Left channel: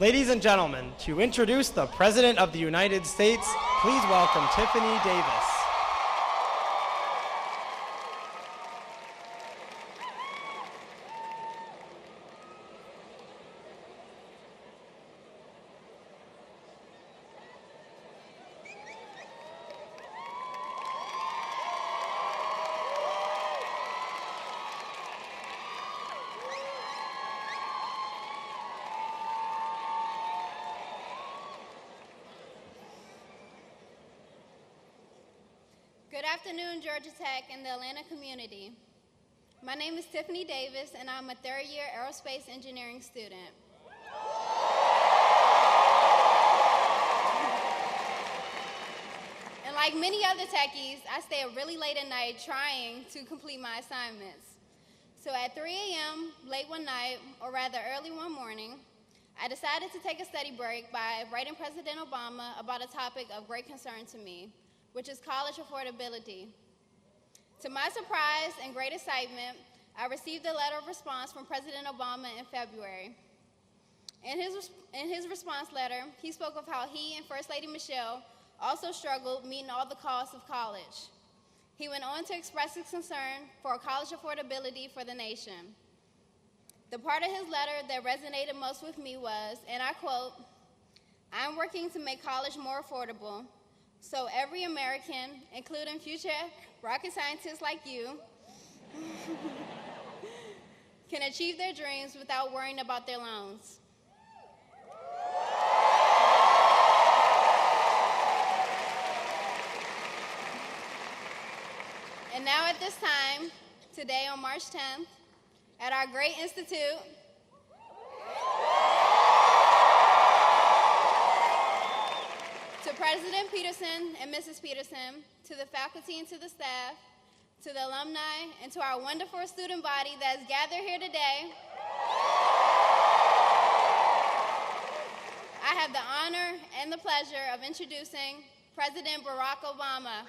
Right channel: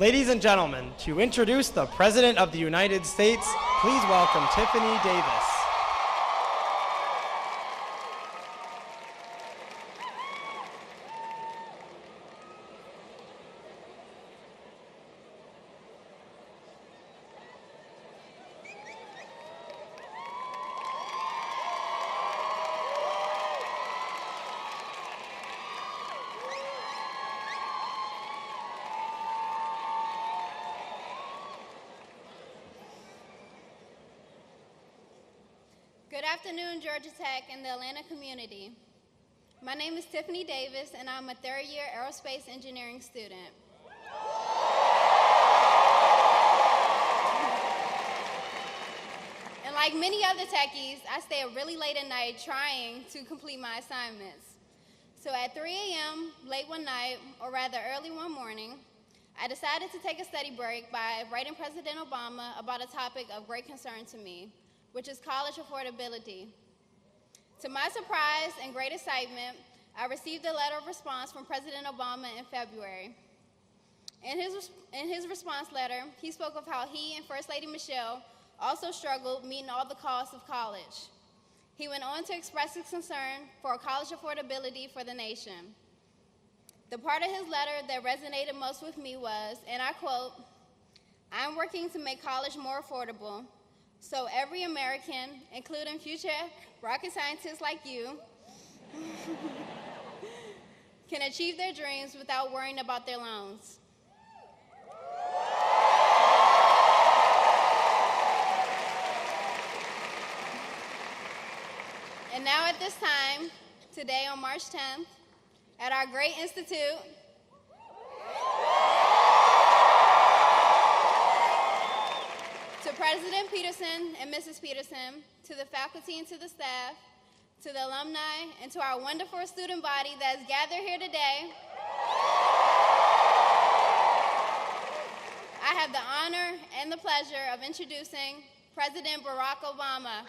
Ladies and gentlemen, to introduce the President of the United States, please welcome Tiffany Davis. Good afternoon, Georgia Tech and the Atlanta community. My name is Tiffany Davis, and I'm a third-year aerospace engineering student. And like many other techies, I stay really late at night trying to complete my assignments. So at 3 a.m., late one night, or rather early one morning, I decided to take a study break by writing President Obama about a topic of great concern to me, which is college affordability. To my surprise and great excitement, I received a letter of response from President Obama in February. In his response letter, he spoke of how he and First Lady Michelle also struggled meeting all the costs of college. He went on to express his concern for college affordability for the nation. The part of his letter that resonated most with me was, and I quote, "I'm working to make college more affordable, so every American, including future rocket scientists like you, can achieve their dreams without worrying about their loans." And now at this time, today on March 10th, at our great institute, to President Peterson and Mrs. Peterson, to the faculty and to the staff, to the alumni, and to our wonderful student body that is gathered here today, I have the honor and the pleasure of introducing President Barack Obama.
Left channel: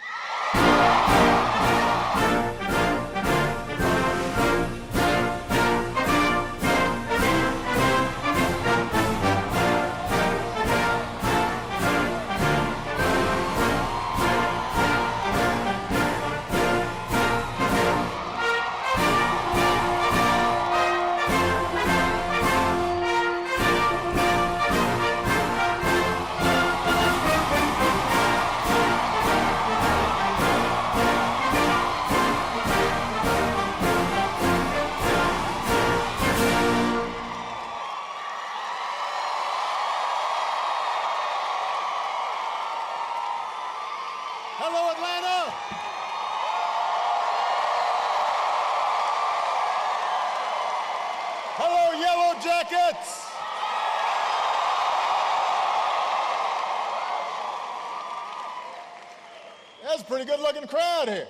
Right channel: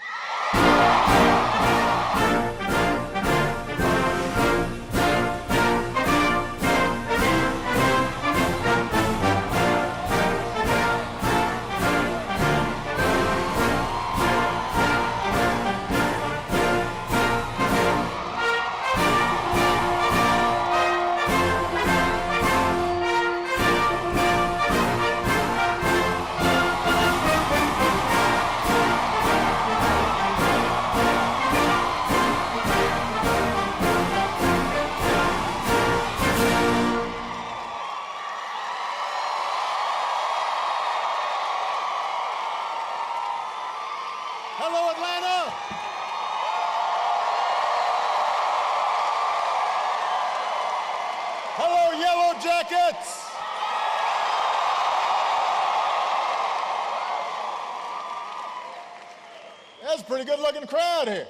Hello, Atlanta! Hello, Yellow Jackets! That's a pretty good-looking crowd here.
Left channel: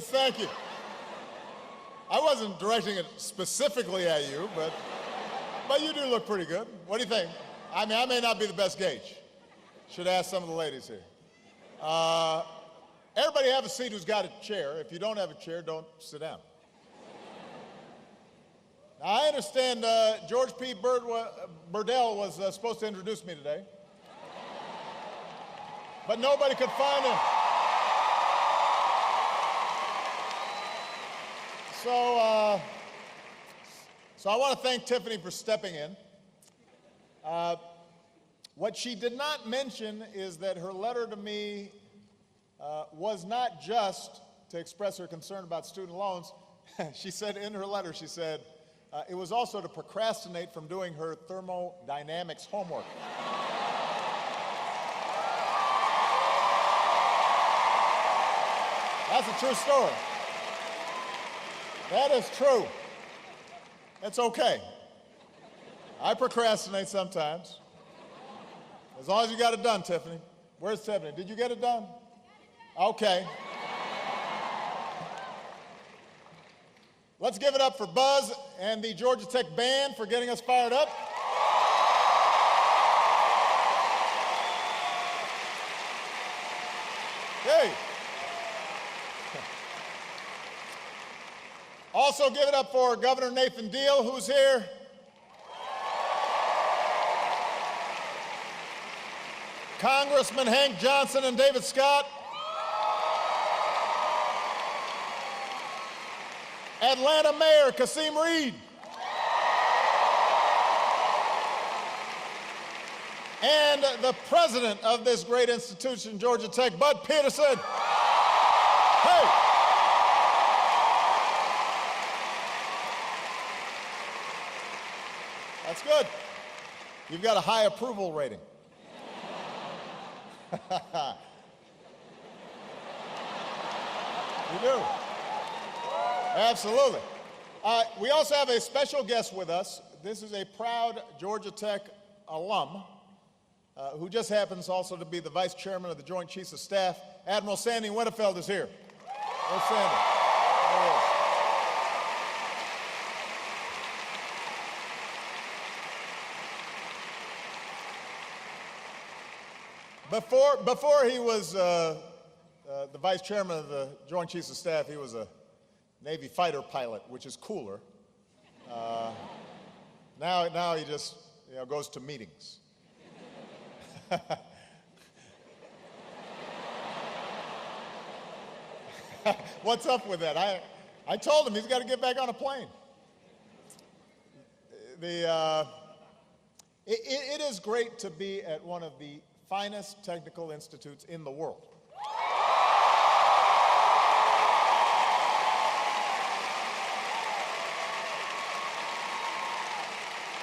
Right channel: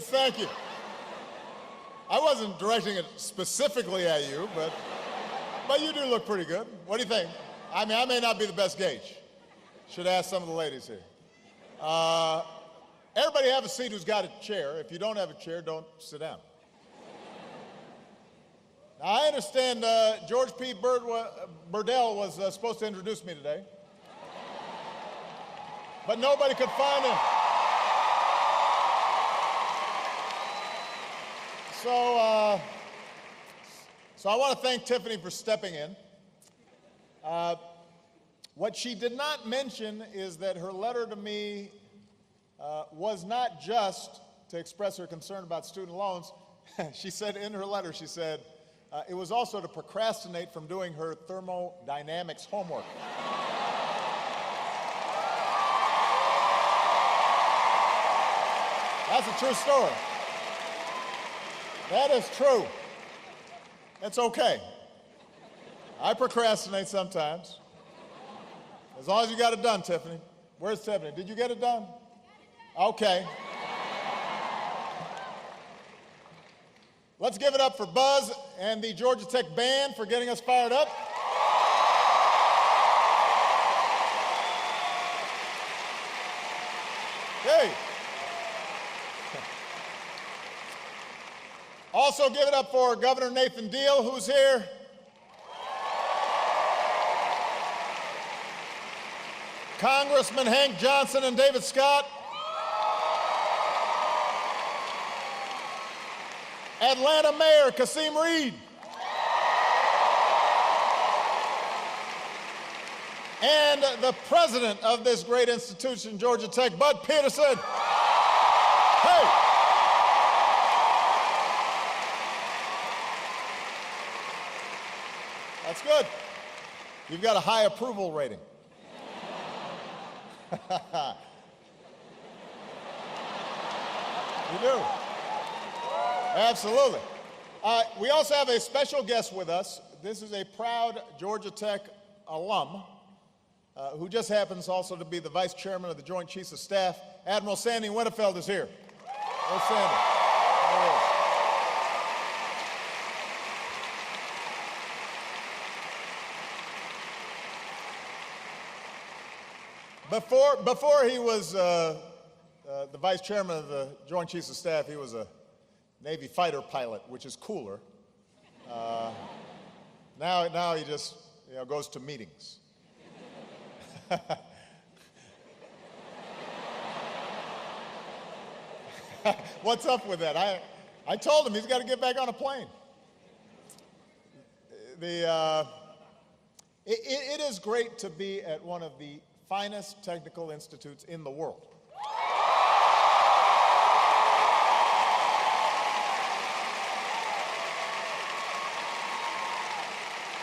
Thank you. I wasn't directing it specifically at you, but you do look pretty good. What do you think? I mean, I may not be the best gauge. Should ask some of the ladies here. Everybody have a seat who's got a chair. If you don't have a chair, don't sit down. Now, I understand George P. Burdell was supposed to introduce me today, but nobody could find him. So I want to thank Tiffany for stepping in. What she did not mention is that her letter to me was not just to express her concern about student loans. She said in her letter, she said, it was also to procrastinate from doing her thermodynamics homework. That's a true story. That is true. It's okay. I procrastinate sometimes. As long as you got it done, Tiffany. Where's Tiffany? Did you get it done? Okay. Let's give it up for Buzz and the Georgia Tech band for getting us fired up. Hey. Also give it up up for Governor Nathan Deal, who's here. Congressman Hank Johnson and David Scott. Atlanta Mayor Kasim Reed. And the president of this great institution, Georgia Tech, Bud Peterson. Hey! That's good. You've got a high approval rating. You do. Absolutely. We also have a special guest with us. This is a proud Georgia Tech alum who just happens also to be the vice chairman of the Joint Chiefs of Staff. Admiral Sandy Winnefeld is here. There's Sandy. There he is. Before he was the vice chairman of the Joint Chiefs of Staff, he was a Navy fighter pilot, which is cooler. Now he just goes to meetings. What's up with that? I told him he's got to get back on a plane. It is great to be at one of the finest technical institutes in the world.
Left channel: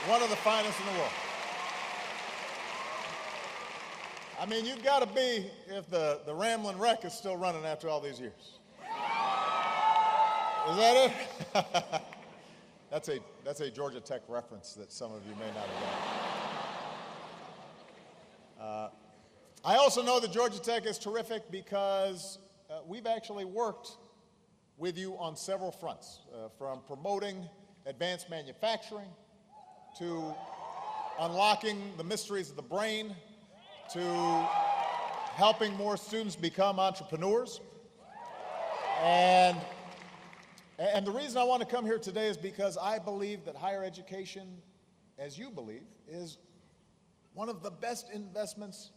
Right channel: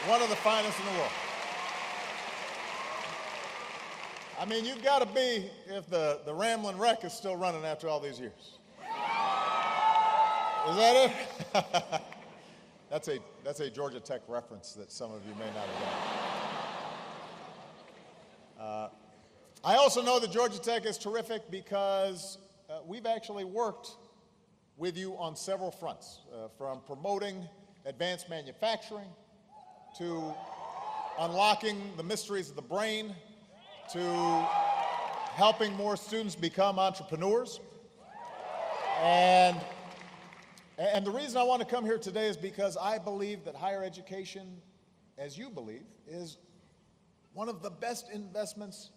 One of the finest in the world. I mean, you've got to be if the Ramblin' Wreck is still running after all these years. Is that it? That's a Georgia Tech reference that some of you may not have gotten. I also know that Georgia Tech is terrific because we've actually worked with you on several fronts, from promoting advanced manufacturing to unlocking the mysteries of the brain, to helping more students become entrepreneurs. And the reason I want to come here today is because I believe that higher education, as you believe, is one of the best investments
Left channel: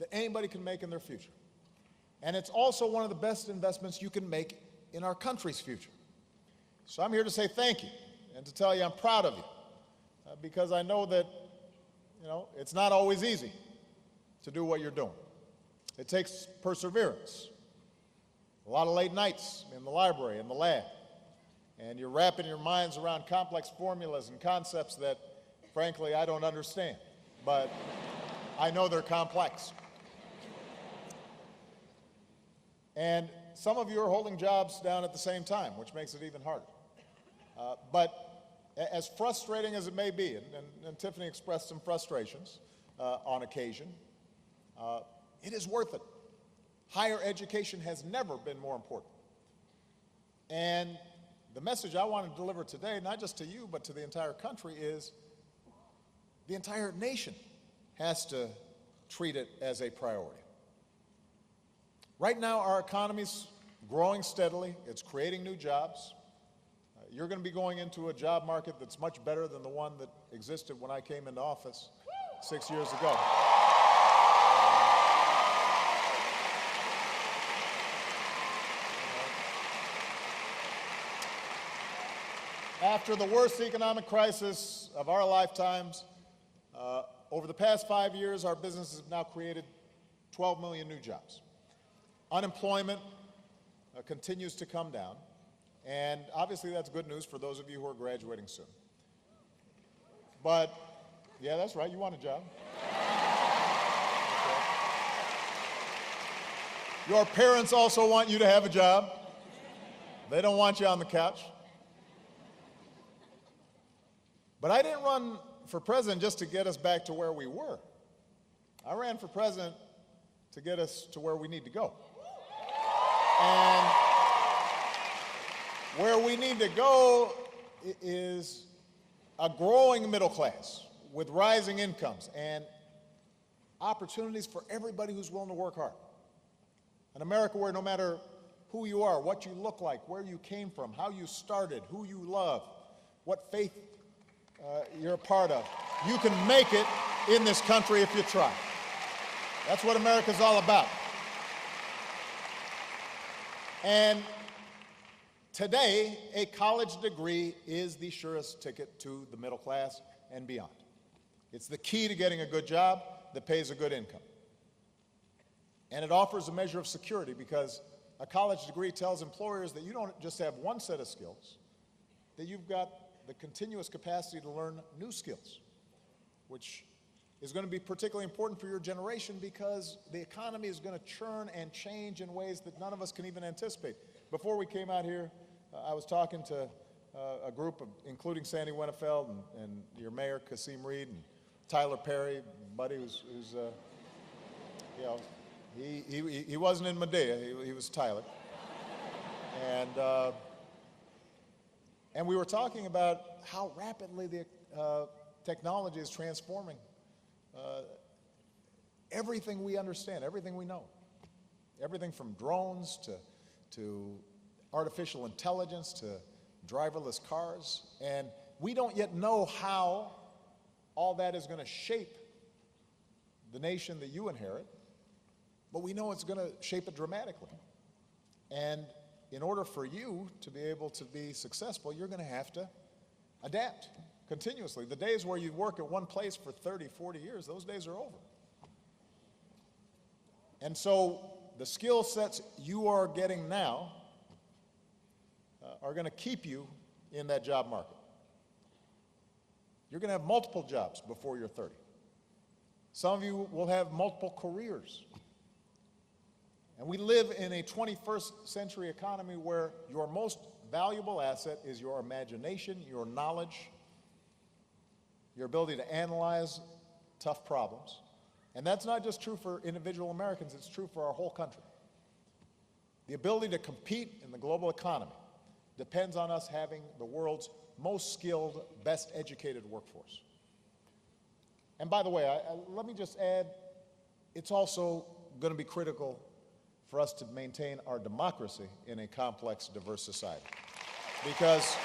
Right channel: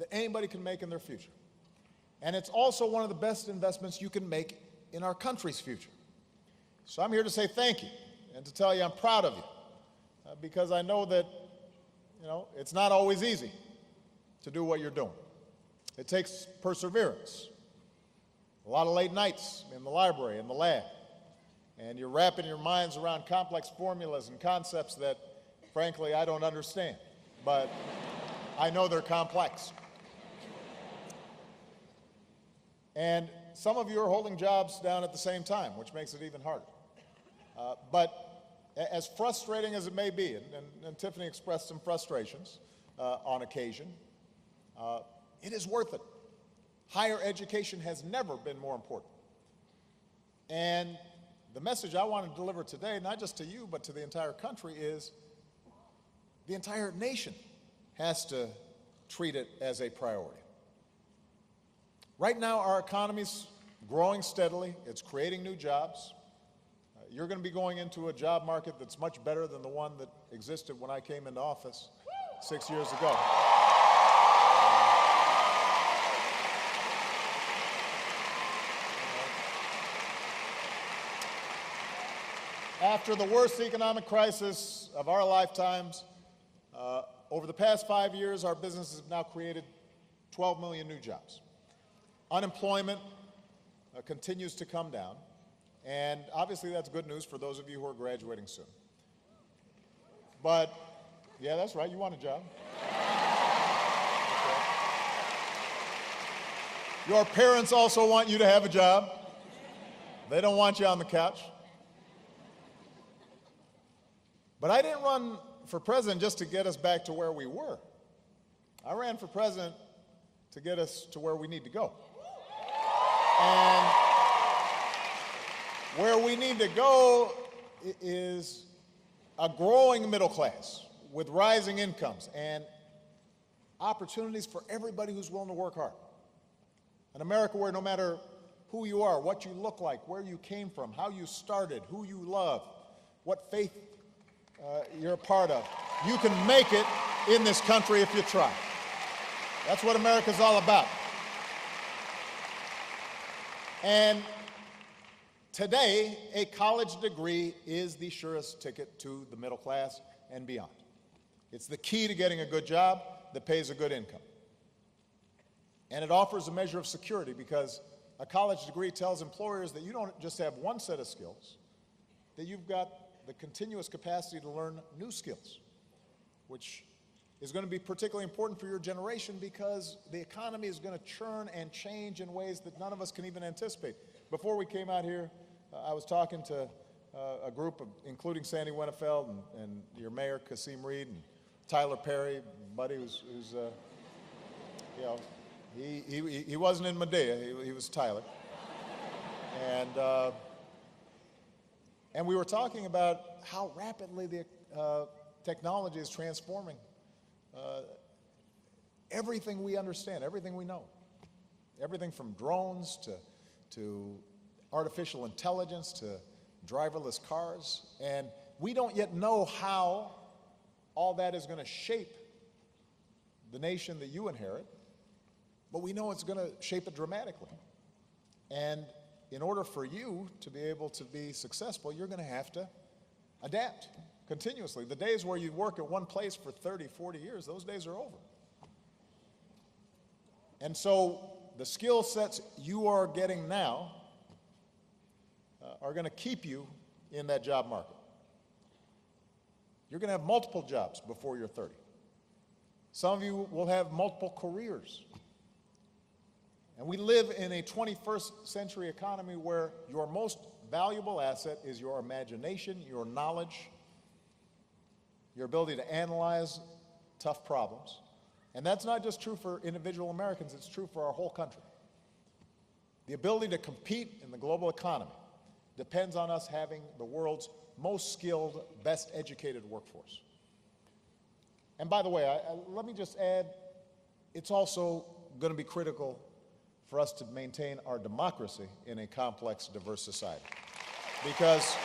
that anybody can make in their future. And it's also one of the best investments you can make in our country's future. So I'm here to say thank you and to tell you I'm proud of you because I know that, it's not always easy to do what you're doing. It takes perseverance, a lot of late nights in the library, in the lab, and you're wrapping your minds around complex formulas and concepts that, frankly, I don't understand, but I know they're complex. And some of you are holding jobs down at the same time, which makes it even harder. But as frustrating as it may be, and Tiffany expressed some frustrations on occasion, it is worth it. Higher education has never been more important. And the message I want to deliver today, not just to you, but to the entire country, is the entire nation has to treat it as a priority. Right now, our economy's growing steadily. It's creating new jobs. You're going to be going into a job market that's much better than the one that existed when I came into office 6 years ago. After the worst economic crisis of our lifetimes, over the past 5 years, our businesses have now created 12 million new jobs. Unemployment continues to come down, and obviously that's good news for those of you who are graduating soon. But, yeah, that's right, you want a job. Your parents also want you to have a job. They don't want you on the couch. But I didn't run for president just to get us back to where we were. I ran for president to get us to where we need to go. And where we need to go is a growing middle class with rising incomes and opportunities for everybody who's willing to work hard. An America where no matter who you are, what you look like, where you came from, how you started, who you love, what faith you're a part of. You can make it in this country if you try. That's what America's all about. And today, a college degree is the surest ticket to the middle class and beyond. It's the key to getting a good job that pays a good income. And it offers a measure of security because a college degree tells employers that you don't just have one set of skills, that you've got the continuous capacity to learn new skills, which is going to be particularly important for your generation because the economy is going to churn and change in ways that none of us can even anticipate. Before we came out here, I was talking to a group of, including Sandy Winnefeld and your mayor, Kasim Reed, and Tyler Perry, buddy who's you know, he wasn't in Medea, he was Tyler. And we were talking about how rapidly the technology is transforming everything we understand, everything we know. Everything from drones to artificial intelligence to driverless cars. And we don't yet know how all that is going to shape the nation that you inherit, but we know it's going to shape it dramatically. And in order for you to be able to be successful, you're going to have to adapt continuously. The days where you work at one place for 30, 40 years, those days are over. And so the skill sets you are getting now are going to keep you in that job market. You're going to have multiple jobs before you're 30. Some of you will have multiple careers. And we live in a 21st century economy where your most valuable asset is your imagination, your knowledge, your ability to analyze tough problems. And that's not just true for individual Americans, it's true for our whole country. The ability to compete in the global economy depends on us having the world's most skilled, best educated workforce. And by the way, let me just add, it's also going to be critical for us to maintain our democracy in a complex, diverse society. Because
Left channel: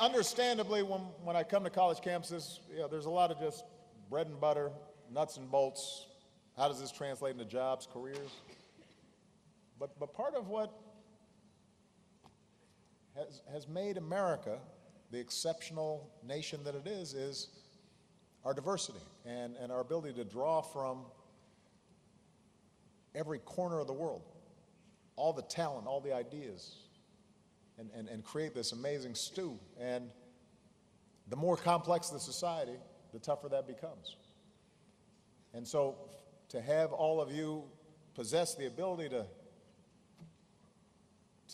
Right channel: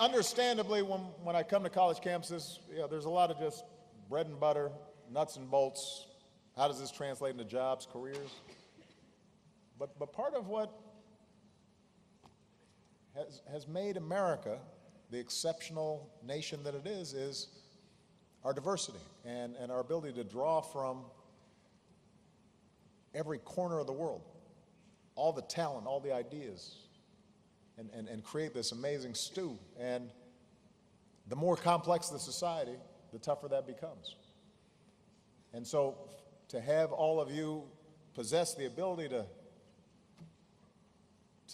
understandably, when I come to college campuses, there's a lot of just bread and butter, nuts and bolts. How does this translate into jobs, careers? But part of what has made America the exceptional nation that it is our diversity and our ability to draw from every corner of the world, all the talent, all the ideas, and create this amazing stew. And the more complex the society, the tougher that becomes. And so to have all of you possess the ability to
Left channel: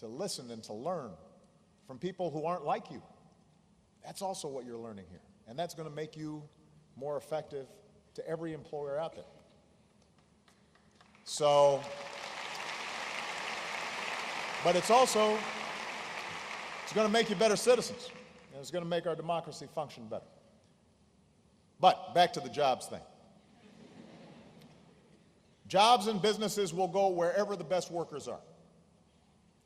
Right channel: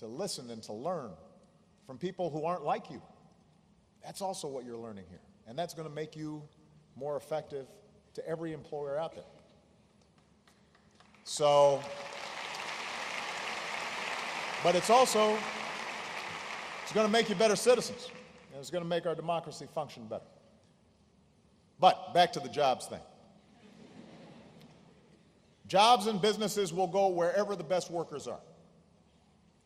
listen and to learn from people who aren't like you, that's also what you're learning here. And that's going to make you more effective to every employer out there. So, but it's going to make you better citizens, and it's going to make our democracy function better. But back to the jobs thing. Jobs and businesses will go wherever the best workers are.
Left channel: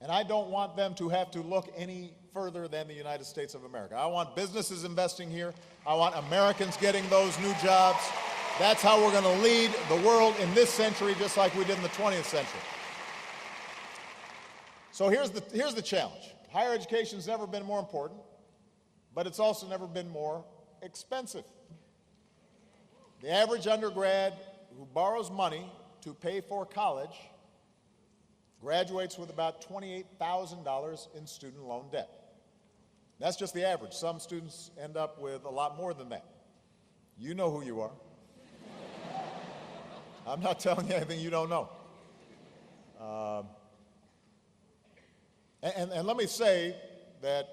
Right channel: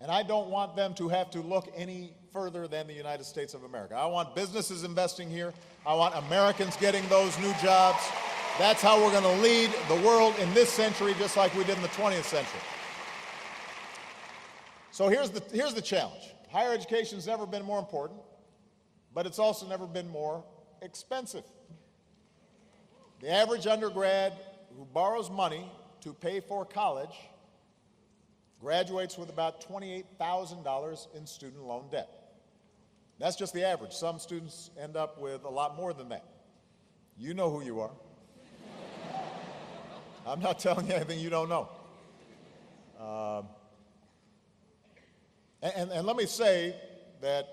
And I don't want them to have to look any further than the United States of America. I want businesses investing here. I want Americans getting those new jobs. That's how we're going to lead the world in this century, just like we did in the 20th century. So here's the challenge. Higher education's never been more important, but it's also never been more expensive. The average undergrad who borrows money to pay for college graduates with about $28,000 in student loan debt. That's just the average. Some students end up with a lot more than that. You know who you are. I'm not telling you anything you don't know. And let me say that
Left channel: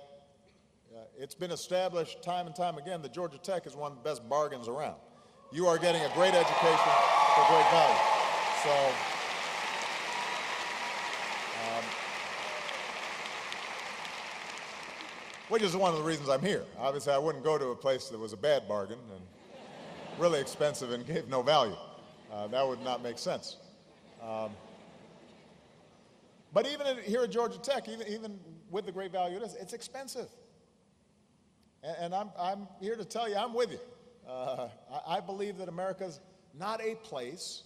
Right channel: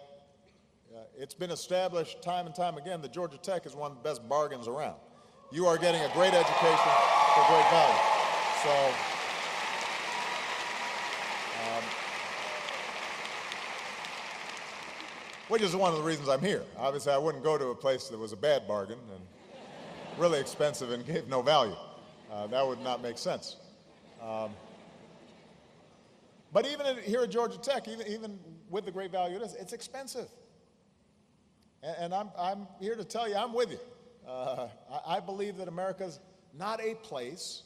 it's been established time and time again that Georgia Tech is one of the best bargains around. You are getting a great education for great value. So, which is one of the reasons I'm here. Obviously, I wouldn't go to a place that was a bad bargain, really expensive and gave no value. That would not make sense. But even here at Georgia Tech, even with the great value it is, it's expensive. And I'm here to tell you, I'm with you. I believe that America's not a place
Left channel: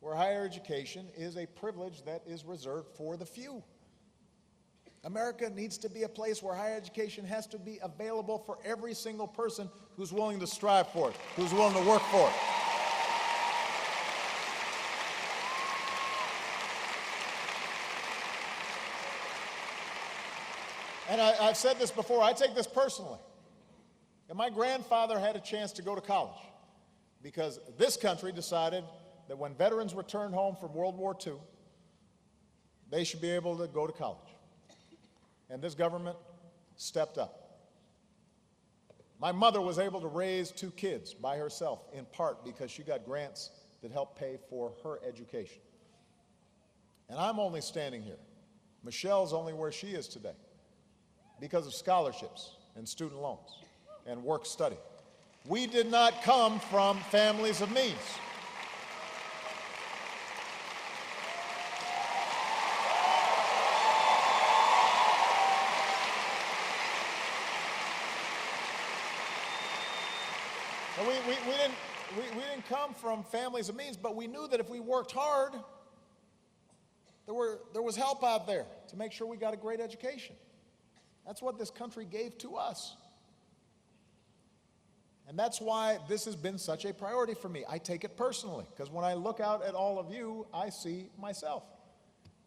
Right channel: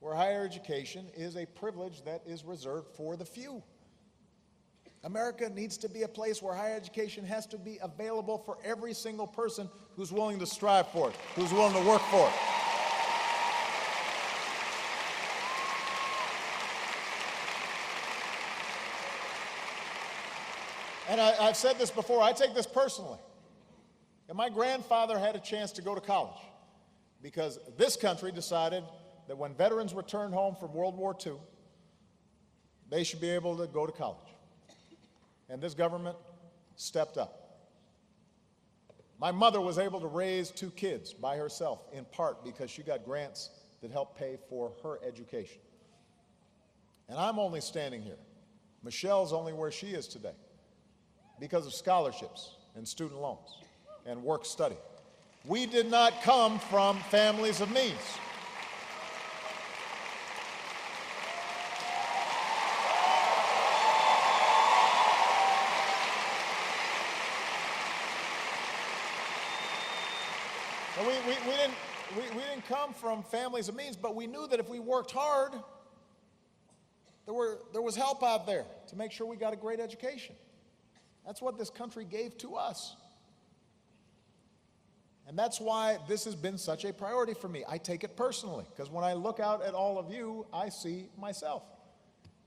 where higher education is a privilege that is reserved for the few. America needs to be a place where higher education has to be available for every single person who's willing to strive for it, who's willing to work for it. And I've said this before, I take this personally. And my grandfather had a chance to go to college because this country decided that when veterans returned home from World War II, they should be able to go to college. And this government stepped up. My mother was able to raise 2 kids by herself, in part because she got grants that helped pay for her education. And I'm only standing here. Michelle's only where she is today because of scholarships and student loans and work study. We did not come from families of means. We didn't come from families of means, but we knew that if we worked hard, there was help out there to make sure we got a great education. That's what this country gave to us. And that's why this has been such a priority for me. I take it personally, because when I look out at all of you, I see myself.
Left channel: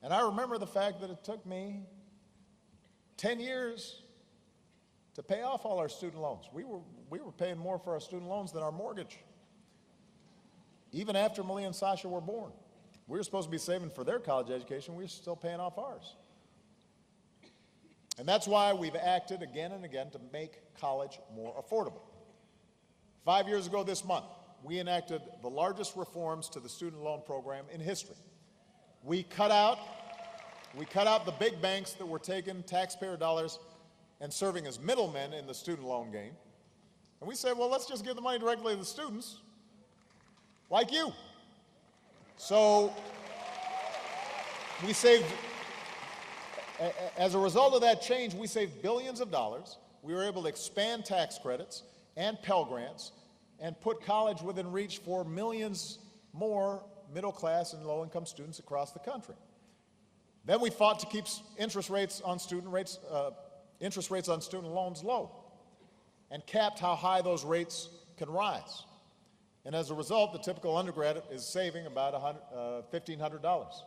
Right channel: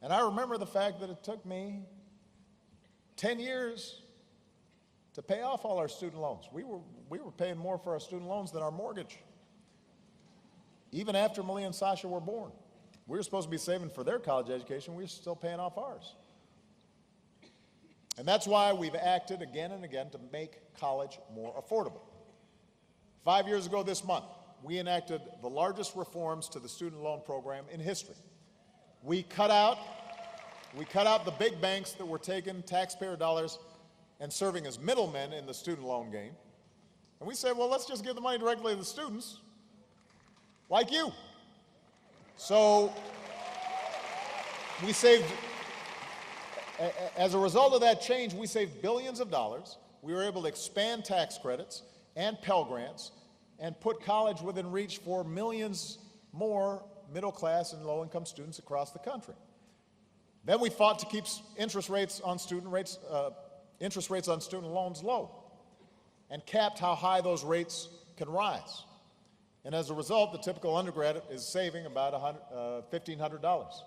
And I remember the fact that it took me 10 years to pay off all our student loans. We were paying more for our student loans than our mortgage. Even after Malia and Sasha were born. We were supposed to be saving for their college education. We were still paying off ours. And that's why we've acted again and again to make college more affordable. 5 years ago this month, we enacted the largest reforms to the student loan program in history. We cut out the big banks that were taking taxpayer dollars and serving as middlemen in the student loan game. And we said, well, let's just give the money directly to the students, like you. So we saved, as a result of that change, we saved billions of dollars. We were able to expand tax credits and Pell Grants and put college within reach for millions more middle class and low income students across the country. Then we fought to keep interest rates on student loans low and capped how high those rates can rise. And as a result, the typical undergrad is saving about $1,500.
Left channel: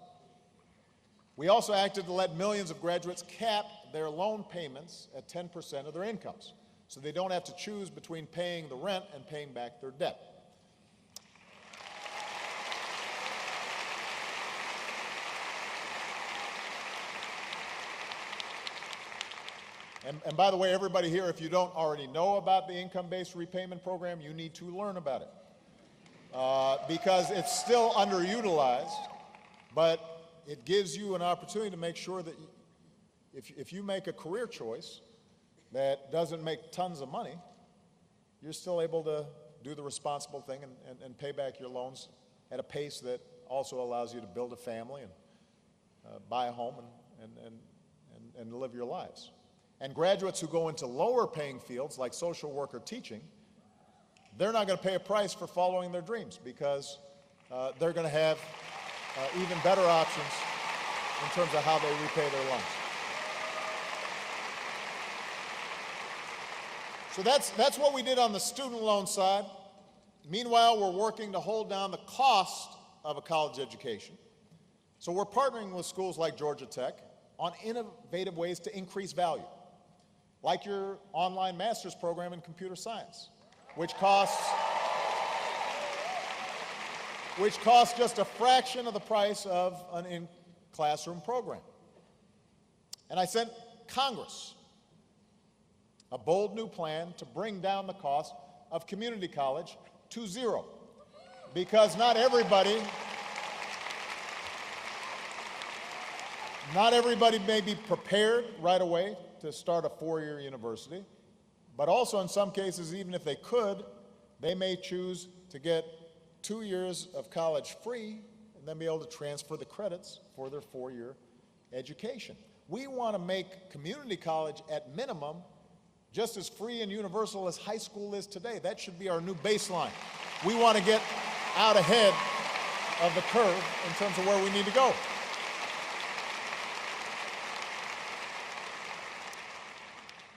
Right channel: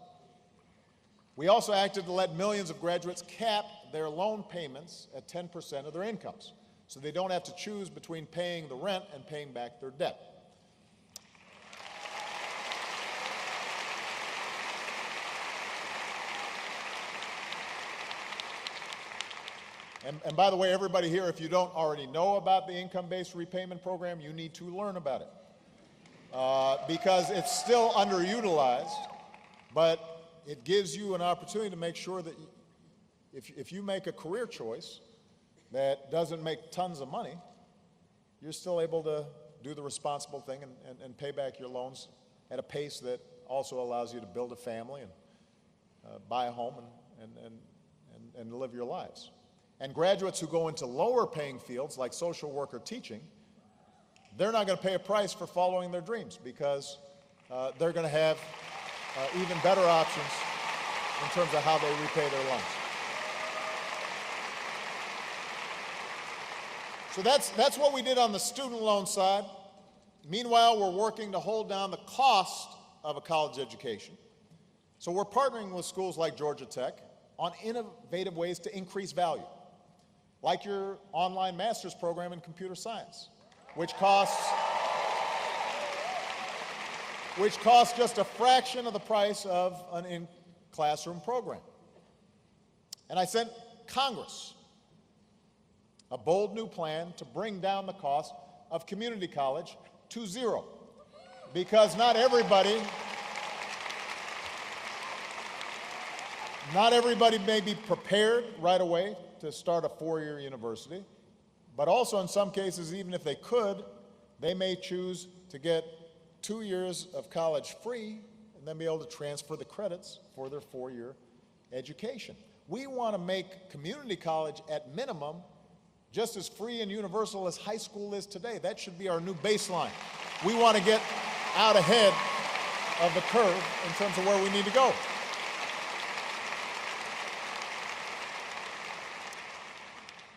We also acted to let millions of graduates cap their loan payments at 10% of their incomes, so they don't have to choose between paying the rent and paying back their debt. And by the way, everybody here, if you don't already know about the income-based repayment program, you need to learn about it. Because it's still underutilized, but it gives you an opportunity to make sure that if you make a career choice that doesn't make tons of money, you're still able to do the responsible thing and pay back your loans at a pace that also allows you to build a family and buy a home and live your lives. And graduates who go into lower paying fields like social work or teaching, they're not going to pay a price for following their dreams because they're going to have even better options in terms of how they repay their loans. So that's what we did on the student loan side. Meanwhile, we're working to hold down the cost of a college education. So we're partnering with schools like Georgia Tech on innovative ways to increase value, like your online master's program in computer science, which costs just a fraction of the price of an in-classroom program. And I sent Congress a bold new plan to bring down the cost of community college to zero, because not everybody may be prepared right away to start a four-year university, but also in some cases, even if they could, They may choose to get 2 years of college free and then be able to transfer the credits for their 4-year education. We want to make community college at minimum just as free and universal as high school is today. That should be our new baseline. We want to get out ahead of the curve in terms of where we need to go.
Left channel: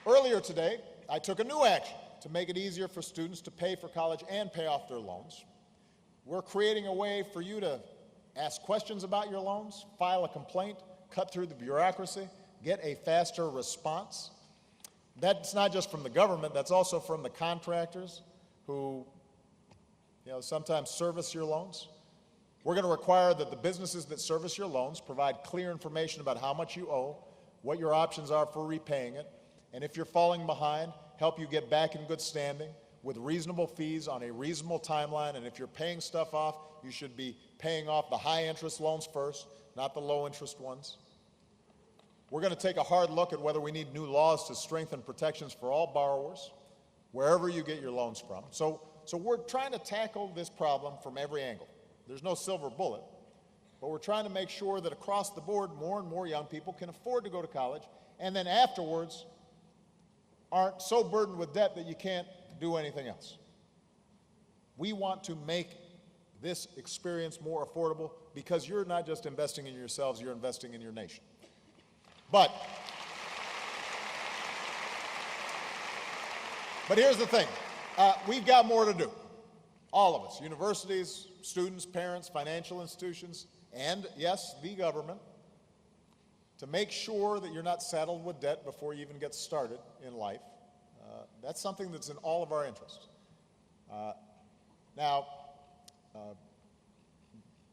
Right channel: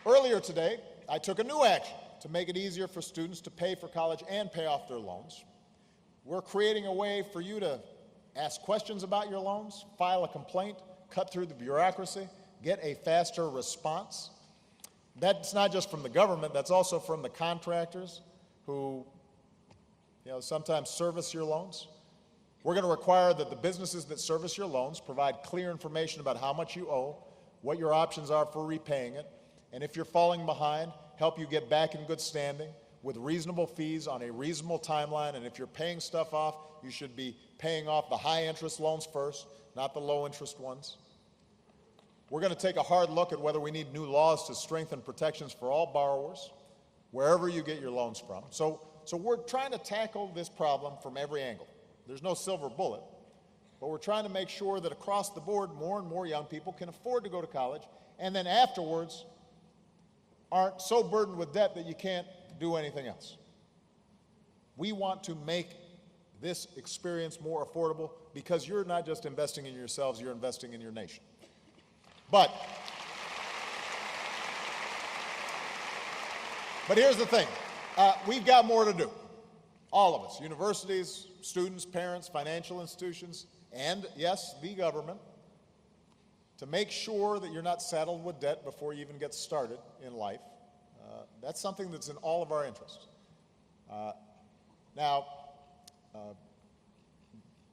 Earlier today, I took a new action to make it easier for students to pay for college and pay off their loans. We're creating a way for you to ask questions about your loans, file a complaint, cut through the bureaucracy, get a faster response. That's not just from the government, that's also from the contractors who, sometimes service your loans. We're going to require that the businesses that service your loans provide clear information about how much you owe, what your options are for repaying it, and if you're falling behind, help you get back in good standing with reasonable fees on a reasonable timeline. And if you're paying stuff off, you should be paying off the high interest loans first, not the low interest ones. We're going to take a hard look at whether we need new laws to strengthen protections for all borrowers, wherever you get your loans from. So we're trying to tackle this problem from every angle. There's no silver bullet, but we're trying to make sure that across the board, more and more young people can afford to go to college, and then afterwards aren't so burdened with debt that you can't do anything else. We want to make this experience more affordable because you're not just investing in yourselves, you're investing in your nation. But here's the thing. We've got more to do. All of us, universities, students, parents, financial institutions, and yes, the government, to make sure that you're not saddled with debt before you even get started in life. That's something that's in all of our interest.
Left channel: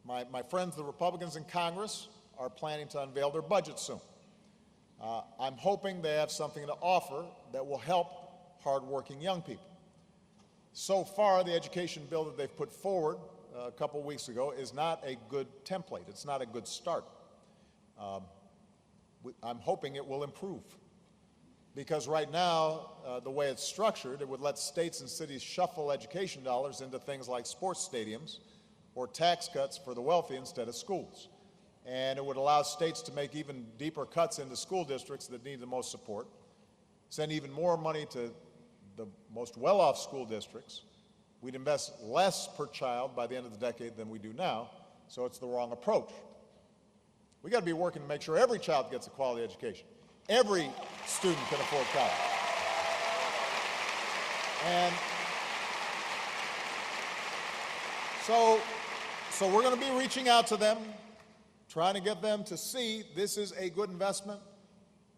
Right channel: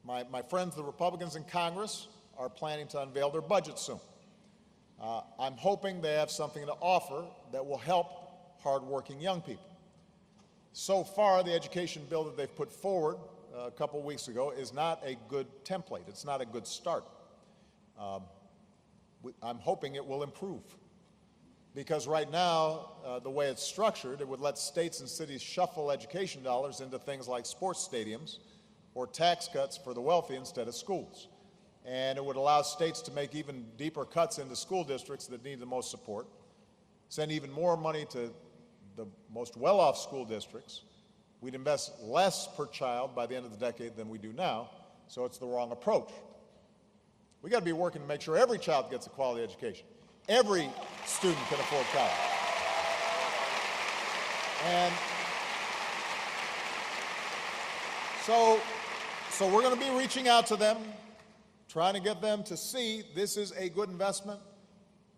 My friends, the Republicans in Congress, are planning to unveil their budget soon. I'm hoping they have something to offer that will help hardworking young people. So far, the education bill that they've put forward a couple of weeks ago is not a good template. It's not a good start. I'm hoping it will improve. Because right now, the way it's structured, it would let states and cities shuffle education dollars into things like sports stadiums or tax cuts for the wealthy instead of schools. And it would allow states to make even deeper cuts into school districts that need the most support, send even more money to the most well-off school districts. We'd invest less per child by the end of the decade than we do now, so it's the wrong approach. We got to be working to make sure every child gets a quality education. Every student can afford college. And so we're going to be reaching out to them, trying to get them to see this is a good investment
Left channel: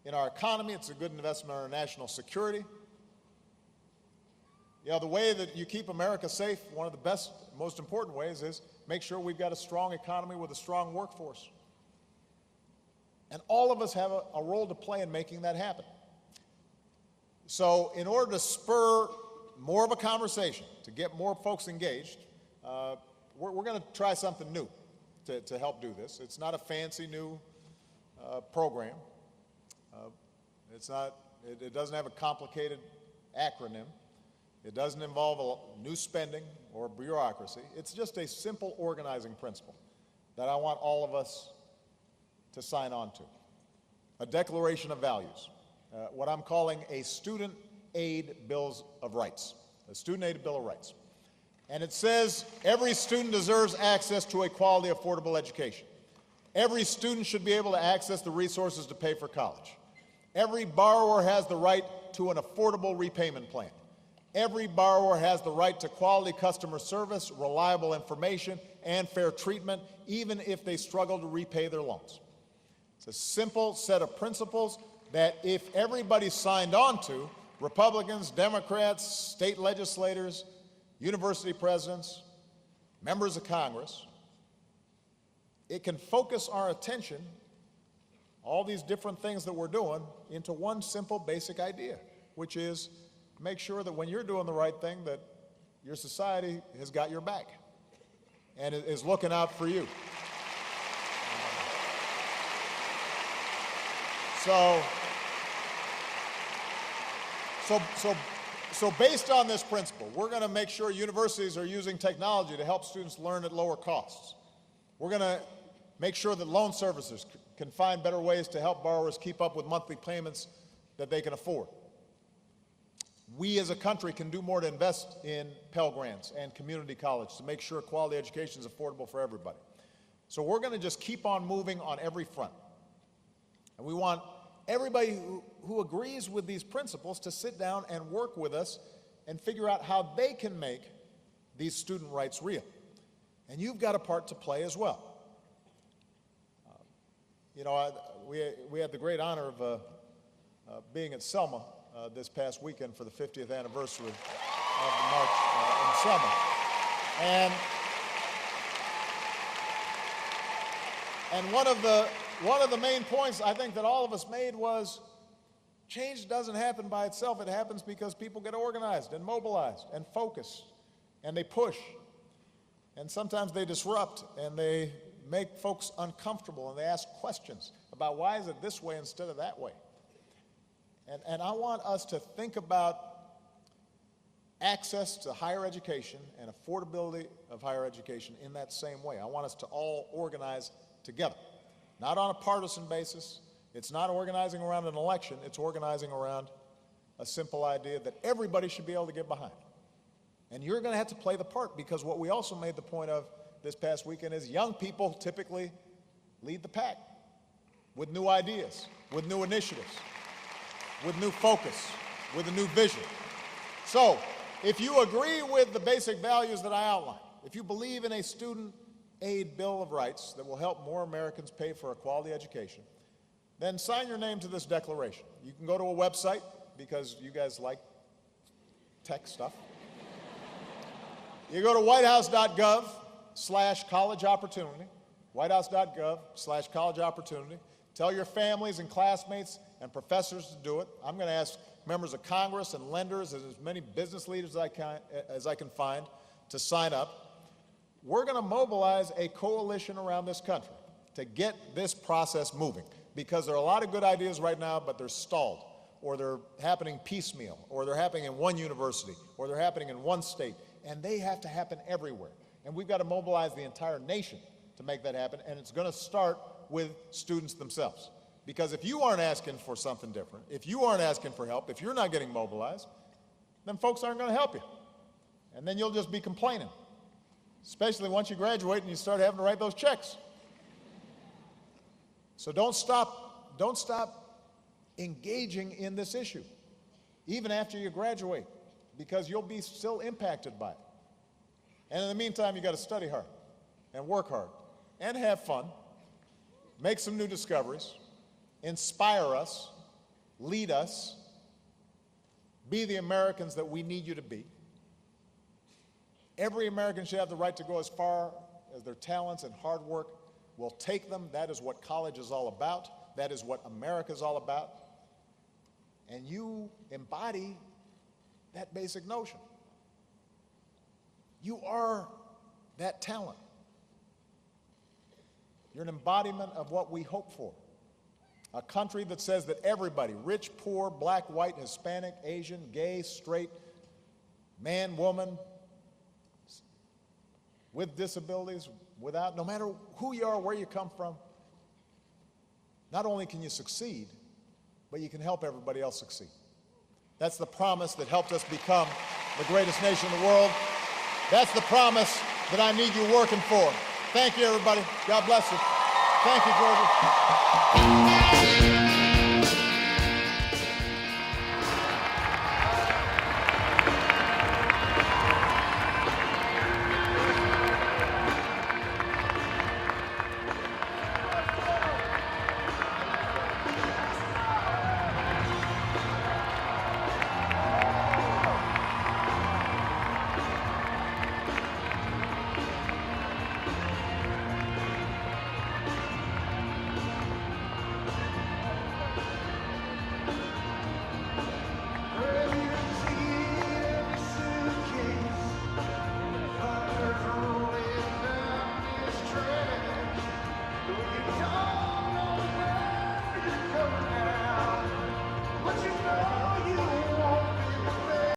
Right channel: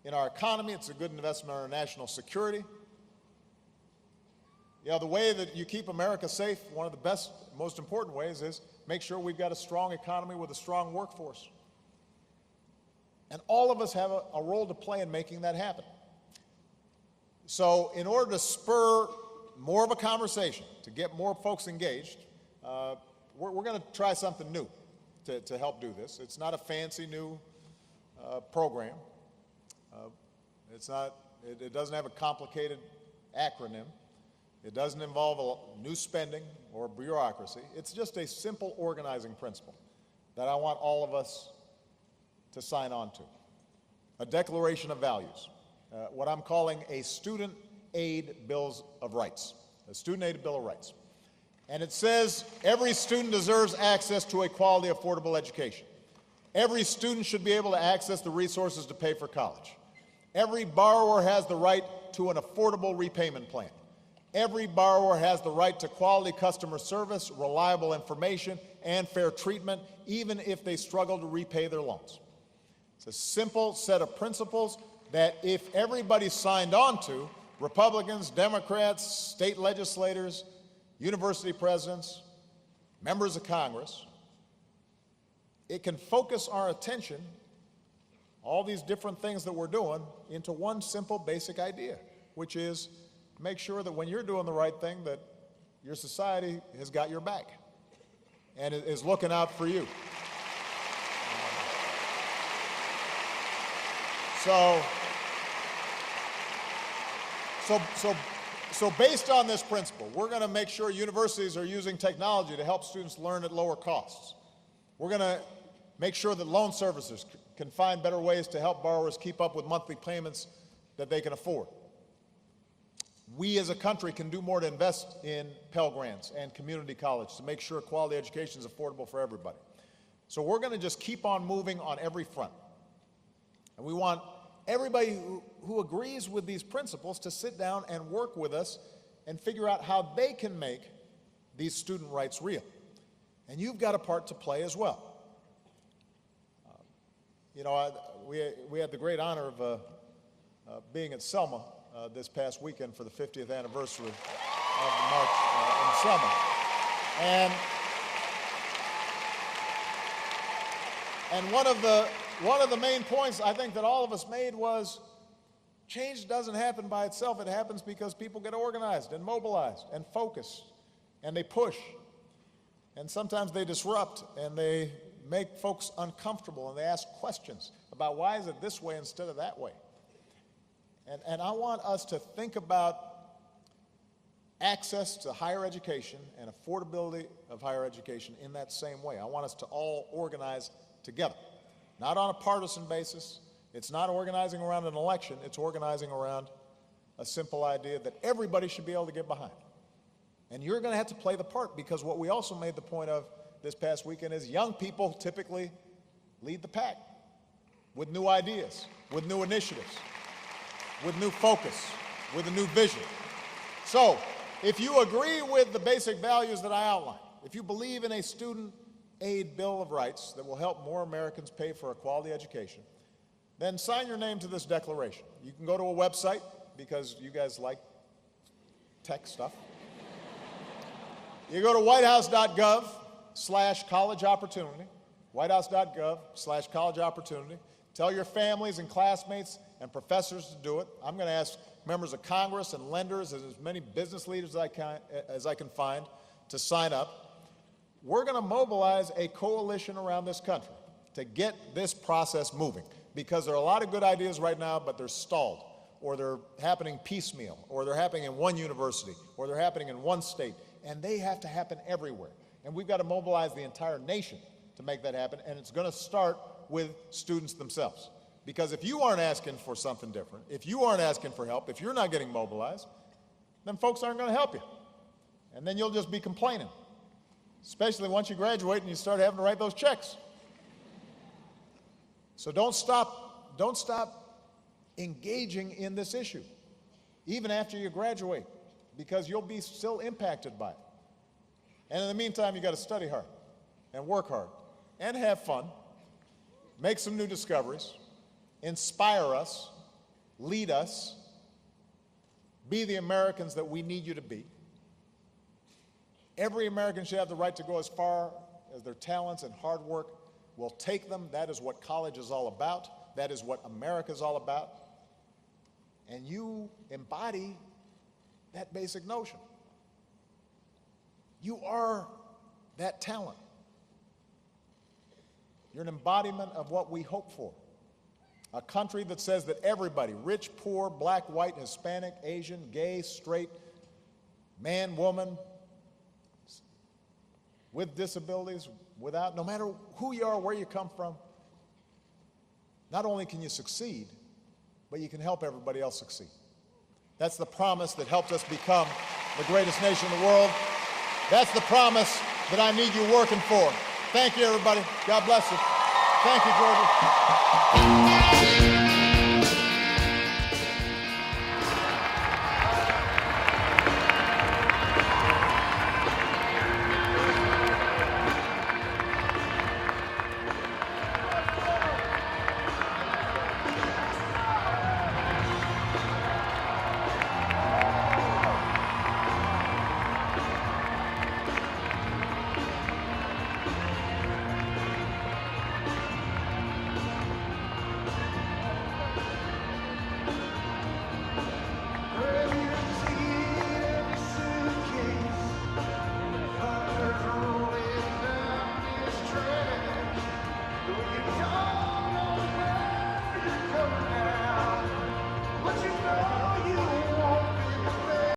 in our economy. It's a good investment in our national security. The way that you keep America safe, one of the best, most important ways is make sure we've got a strong economy with a strong workforce. And all of us have a role to play in making that happen. So in order to spur more of a conversation, to get more folks engaged, we're going to try something new to help do this. It's not a fancy new program. It doesn't have a complicated acronym. It doesn't involve a new spending or bureaucracy. It's just a simple organizing principle that I want all of us to sign on to. A declaration of values, what I'm calling a student aid bill of rights, a student aid bill of rights. And it says every student deserves access to a quality, affordable education. Every student should be able to access the resources to pay for college. Every borrower has the right to an affordable repayment plan. Every borrower has the right to quality customer service, reliable information, and fair treatment, even if they struggle to repay their loans. It's a simple set of principles that if everybody signed on to, Republicans, Democrats, state legislators, university presidents, members of Congress, it can focus our attention, all these different things that we're doing, into one simple basic idea, which is make sure that when you're doing the right thing, that your society has got your back and is looking out for you. So based on this principle, we're going to make sure universities are using technology to help students learn at lower costs. We're going to make sure that loan servicers can find better ways to help borrowers keep up with monthly payments that they can afford. We as a country can do more to invest in Pell Grants and community college to make sure quality education is affordable for everybody. So we're going to just keep on moving on every front. And we want everybody who agrees with these principles to sit down and work with us and figure out how they can make these student rights real. And you've got a part to play as well. We had the great honor of being at Selma this past weekend for the 50th anniversary of the March in Selma. And one of the main points I think that all of us made was change doesn't happen by itself. It happens because people get organized and mobilized and focus, and they push. And sometimes they disrupt, and they make folks uncomfortable, and they ask questions about why is it this way instead of that way. And I want us to think about access to higher education and affordability of higher education in that same way. I want us to all organize together, not on a partisan basis. It's not organizing around an election. It's organizing around a simple idea that everybody should be able to get behind. And you're going to have to play the part, because what we also made the point of this past weekend is young people typically lead the pack with new ideas, with new initiatives, with new focus, with a new vision. So if you agree with the basic values that I outlined, if you believe in a student aid bill of rights that will help more Americans pay for a quality education, then sign your name to this declaration. You can go to a website, because you guys like tech stuff. You go to whitehouse.gov/college opportunity, whitehouse.gov/college opportunity. Tell your families and classmates and professors to do it. I'm going to ask members of Congress and lenders, as many business leaders as I can find, to sign up. We're going to mobilize a coalition around this country to get this process moving, because there are a lot of good ideas right now, but they're stalled, or they're happening piecemeal, or they're happening in one university, or they're happening in one state, and they have to happen everywhere. And we've got to mobilize the entire nation to make that happen, and it's going to start with students themselves. Because if you aren't asking for something different, if you aren't asking for help, if you're not getting mobilized, then folks aren't going to help you. And then you'll just be complaining, especially once you graduate and you start having to write those checks. So don't stop engaging in this issue, even after you graduate, because you'll be still impacted by it. And in the meantime, you got to study hard and work hard and have fun, make some new discoveries, inspire us, lead us, be the Americans that we need you to be. Every American should have the right to go as far as their talents and hard work will take them. That is what college is all about. That is what America is all about. And you embody that basic notion. You are that talent. You're an embodiment of what we hope for. A country that says that everybody, rich, poor, black, white, Hispanic, Asian, gay, straight, man, woman, with disabilities, without, no matter who you are, where you come from, not only can you succeed, but you can help everybody else succeed. That's the promise that helped us become the greatest nation in the world. That's the promise that I need you working for. Thank you, everybody. God bless you. Thank you, Georgia.